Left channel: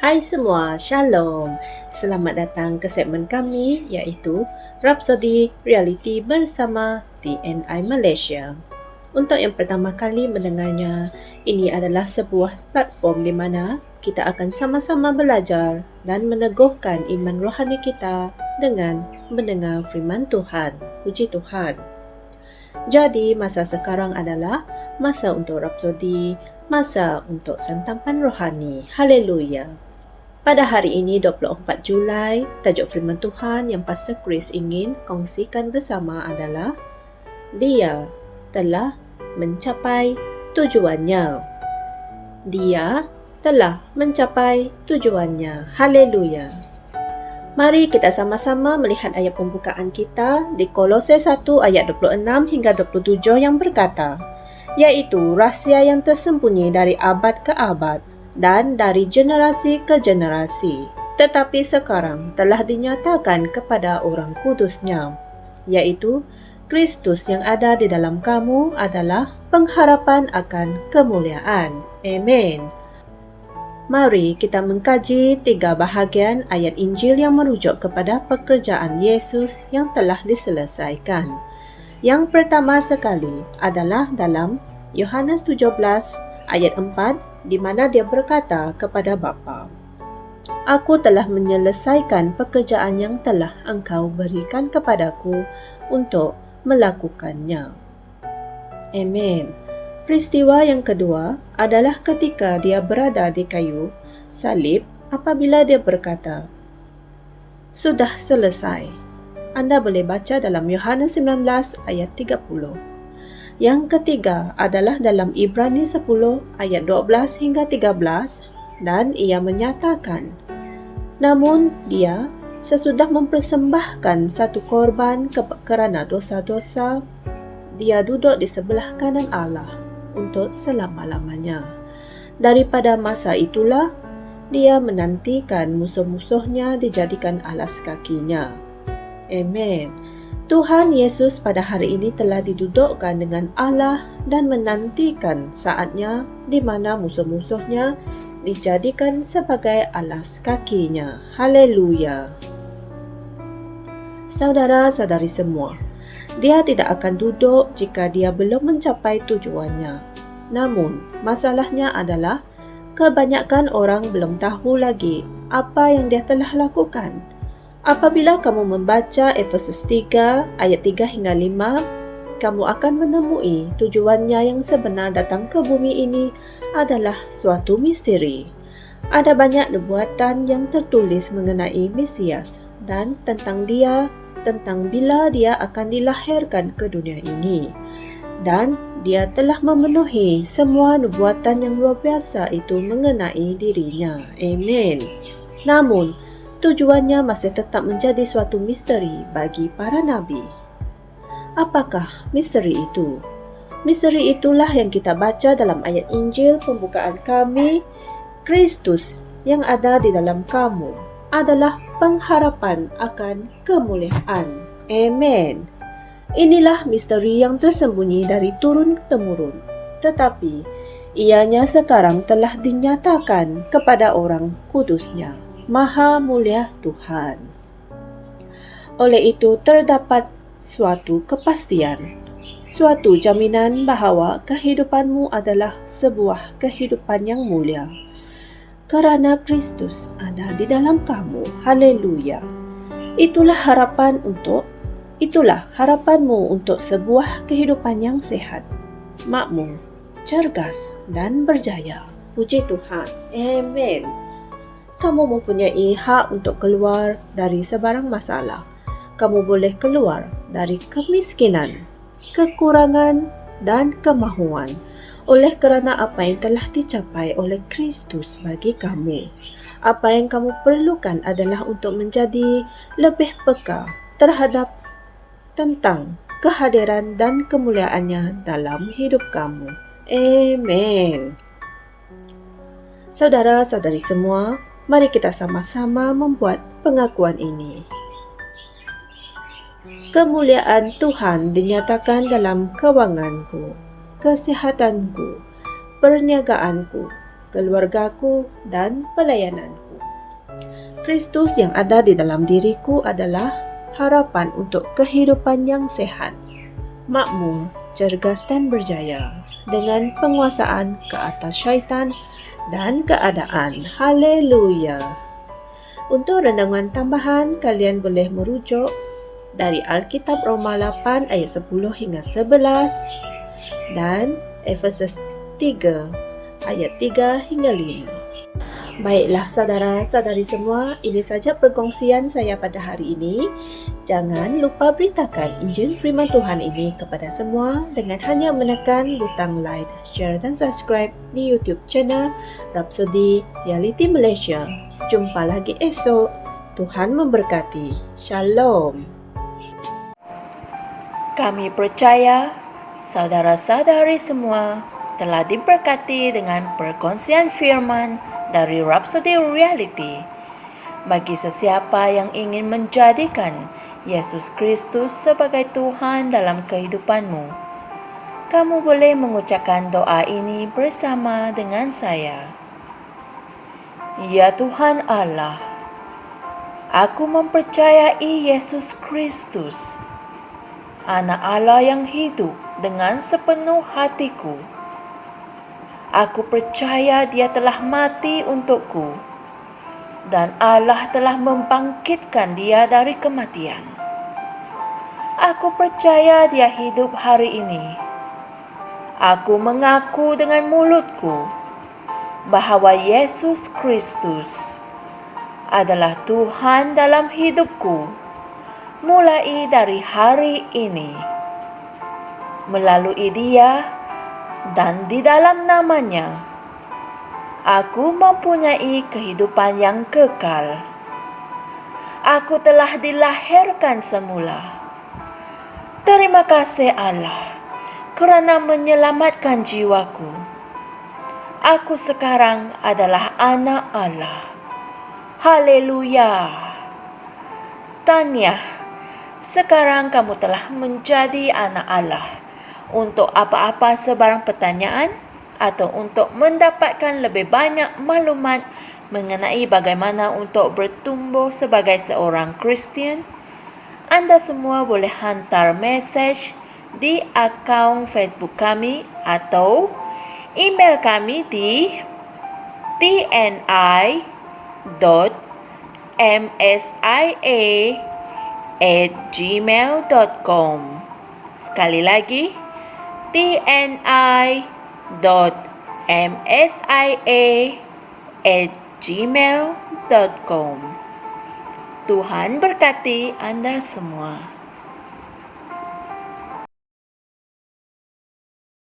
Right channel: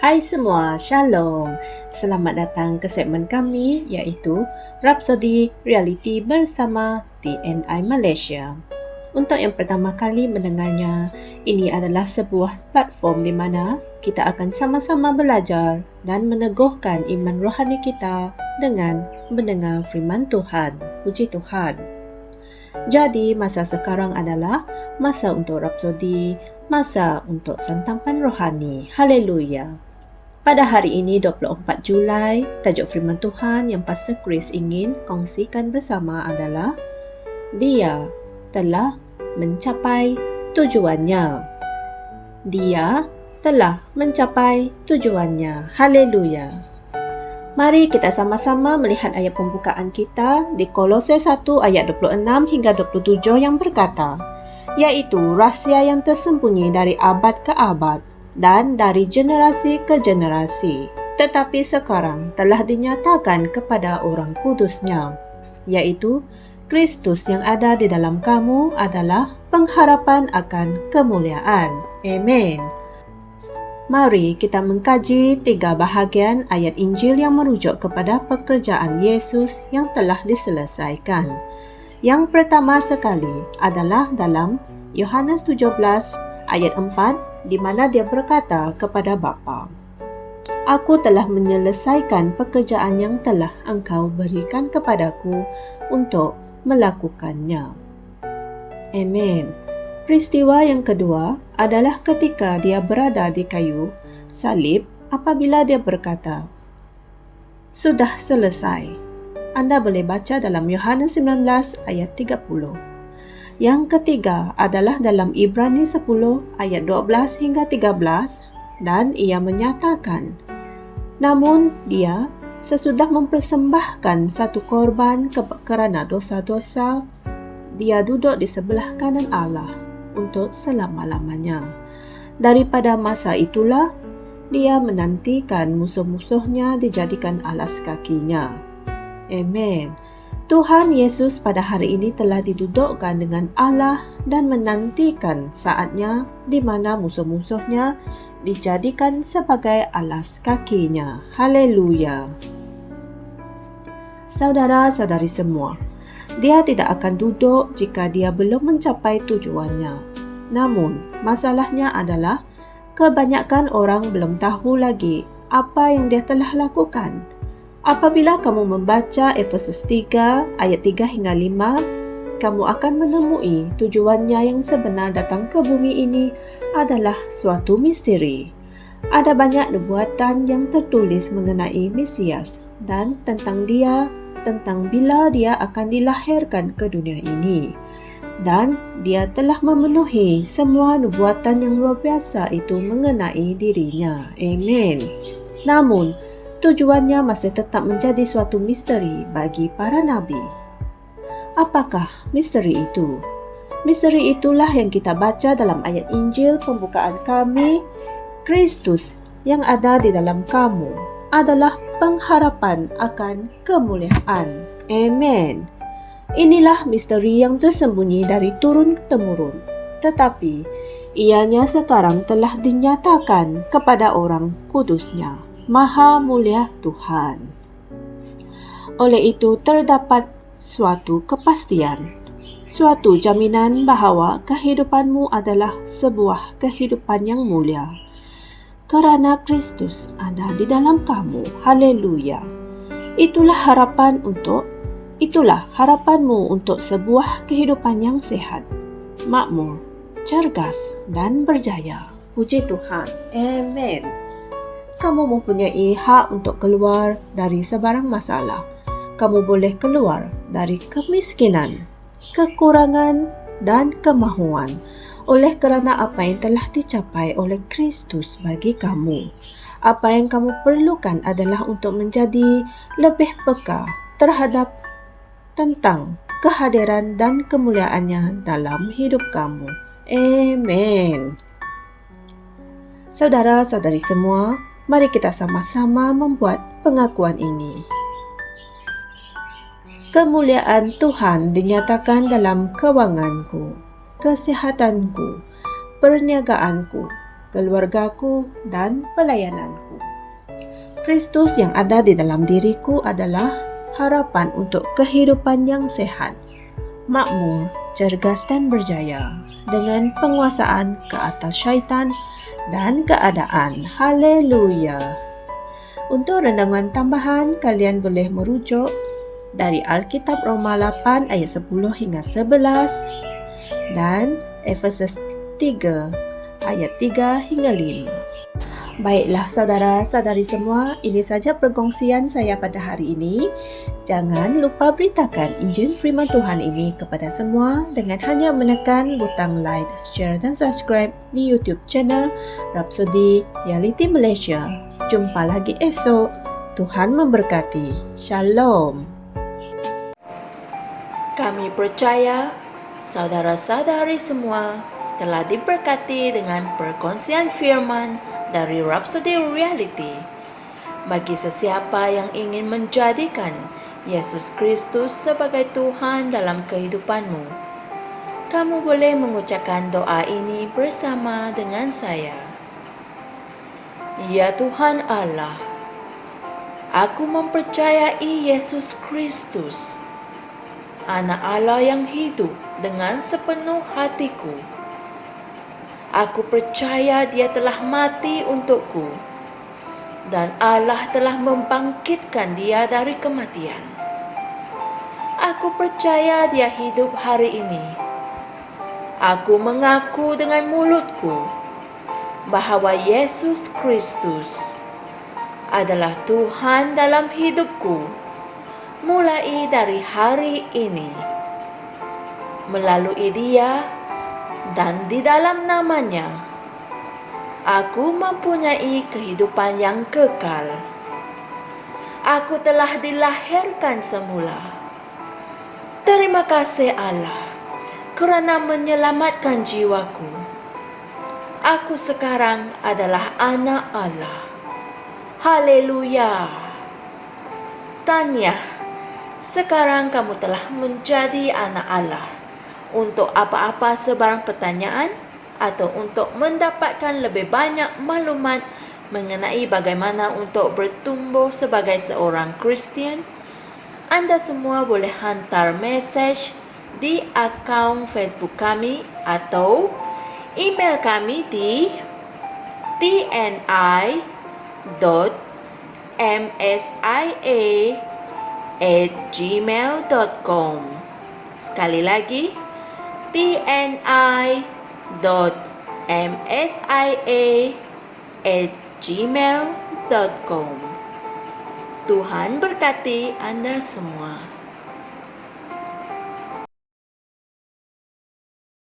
Hai semua, Shalom. Selamat datang ke segmen kami iaitu Rhapsody Reality bersama TNI Malaysia. Untuk yang pertama kali mendengarnya, ini adalah sebuah platform di mana kita akan sama-sama belajar dan meneguhkan iman rohani kita dengan mendengar firman Tuhan. Puji Tuhan. Jadi, masa sekarang adalah masa untuk Rhapsody, masa untuk santapan rohani. Haleluya. Pada hari ini 24 Julai, tajuk firman Tuhan yang Pastor Chris ingin kongsikan bersama adalah Dia telah mencapai tujuannya. Dia telah mencapai tujuannya. Haleluya. Mari kita sama-sama melihat ayat pembukaan kita di Kolose 1 ayat 26 hingga 27 yang berkata, yaitu rahsia yang tersembunyi dari abad ke abad dan dari generasi ke generasi, tetapi sekarang telah dinyatakan kepada orang kudusnya, yaitu Kristus yang ada di dalam kamu adalah pengharapan akan kemuliaan. Amin. Mari kita mengkaji 3 bahagian ayat Injil yang merujuk kepada pekerjaan Yesus yang telah diselesaikan. Yang pertama sekali adalah dalam Yohanes 17 ayat 4 di mana dia berkata kepada Bapa, Aku telah menyelesaikan pekerjaan yang telah engkau berikan kepadaku untuk melakukannya. Amin. Peristiwa yang kedua adalah ketika dia berada di kayu salib apabila dia berkata, Sudah selesai. Anda boleh baca dalam Yohanes 19 ayat 30. Yang ketiga adalah dalam Ibrani 10 ayat 12 hingga 13 dan ia menyatakan, namun dia sesudah mempersembahkan satu korban kerana dosa-dosa, dia duduk di sebelah kanan Allah untuk selama-lamanya. Daripada masa itulah, dia menantikan musuh-musuhnya dijadikan alas kakinya. Amin. Tuhan Yesus pada hari ini telah didudukkan dengan Allah dan menantikan saatnya di mana musuh-musuhnya dijadikan sebagai alas kakinya. Haleluya. Saudara-saudari semua, dia tidak akan duduk jika dia belum mencapai tujuannya. Namun, masalahnya adalah kebanyakan orang belum tahu lagi apa yang dia telah lakukan. Apabila kamu membaca Efesus 3 ayat 3 hingga 5, kamu akan menemui tujuannya yang sebenar datang ke bumi ini adalah suatu misteri. Ada banyak nubuatan yang tertulis mengenai Mesias dan tentang dia, tentang bila dia akan dilahirkan ke dunia ini. Dan dia telah memenuhi semua nubuatan yang luar biasa itu mengenai dirinya. Amin. Namun, tujuannya masih tetap menjadi suatu misteri bagi para nabi. Apakah misteri itu? Misteri itulah yang kita baca dalam ayat Injil pembukaan kami. Kristus yang ada di dalam kamu adalah pengharapan akan kemuliaan. Amin. Inilah misteri yang tersembunyi dari turun-temurun, tetapi ianya sekarang telah dinyatakan kepada orang kudusnya, Maha Mulia Tuhan. Oleh itu terdapat suatu kepastian, suatu jaminan bahawa kehidupanmu adalah sebuah kehidupan yang mulia. Kerana Kristus ada di dalam kamu. Haleluya. Itulah harapanmu untuk sebuah kehidupan yang sehat, makmur, cergas dan berjaya. Puji Tuhan. Amin. Kamu mempunyai hak untuk keluar dari sebarang masalah. Kamu boleh keluar dari kemiskinan, kekurangan dan kemahuan oleh kerana apa yang telah dicapai oleh Kristus bagi kamu. Apa yang kamu perlukan adalah untuk menjadi lebih peka terhadap tentang kehadiran dan kemuliaannya dalam hidup kamu. Amin. Saudara-saudari semua, mari kita sama-sama membuat pengakuan ini. Kemuliaan Tuhan dinyatakan dalam kewanganku, kesehatanku, perniagaanku, keluargaku, dan pelayananku. Kristus yang ada di dalam diriku adalah harapan untuk kehidupan yang sehat, makmur, cergas dan berjaya, dengan penguasaan ke atas syaitan dan keadaan. Haleluya. Untuk rendangan tambahan, kalian boleh merujuk dari Alkitab Roma 8 ayat 10 hingga 11 dan Efesus 3 ayat 3 hingga 5. Baiklah saudara-saudari semua, ini saja perkongsian saya pada hari ini. Jangan lupa beritakan Injil Firman Tuhan ini kepada semua dengan hanya menekan butang like, share dan subscribe di YouTube channel Rhapsody Reality Malaysia. Jumpa lagi esok. Tuhan memberkati. Shalom. Kami percaya saudara-saudari semua telah diberkati dengan perkongsian firman dari Rhapsody Reality. Bagi sesiapa yang ingin menjadikan Yesus Kristus sebagai Tuhan dalam kehidupanmu, kamu boleh mengucapkan doa ini bersama dengan saya. Ya Tuhan Allah, aku mempercayai Yesus Kristus, Anak Allah yang hidup dengan sepenuh hatiku. Aku percaya Dia telah mati untukku dan Allah telah membangkitkan Dia dari kematian. Aku percaya Dia hidup hari ini. Aku mengaku dengan mulutku bahawa Yesus Kristus adalah Tuhan dalam hidupku mulai dari hari ini. Melalui Dia dan di dalam nama-Nya, aku mempunyai kehidupan yang kekal. Aku telah dilahirkan semula. Terima kasih Allah kerana menyelamatkan jiwaku. Aku sekarang adalah anak Allah. Haleluya. Tahniah, sekarang kamu telah menjadi anak Allah. Untuk apa-apa sebarang pertanyaan atau untuk mendapatkan lebih banyak maklumat mengenai bagaimana untuk bertumbuh sebagai seorang Kristian, anda semua boleh hantar mesej di akaun Facebook kami atau email kami di tni.msia@gmail.com. Sekali lagi, tni.msia@gmail.com. Tuhan berkati Anda semua.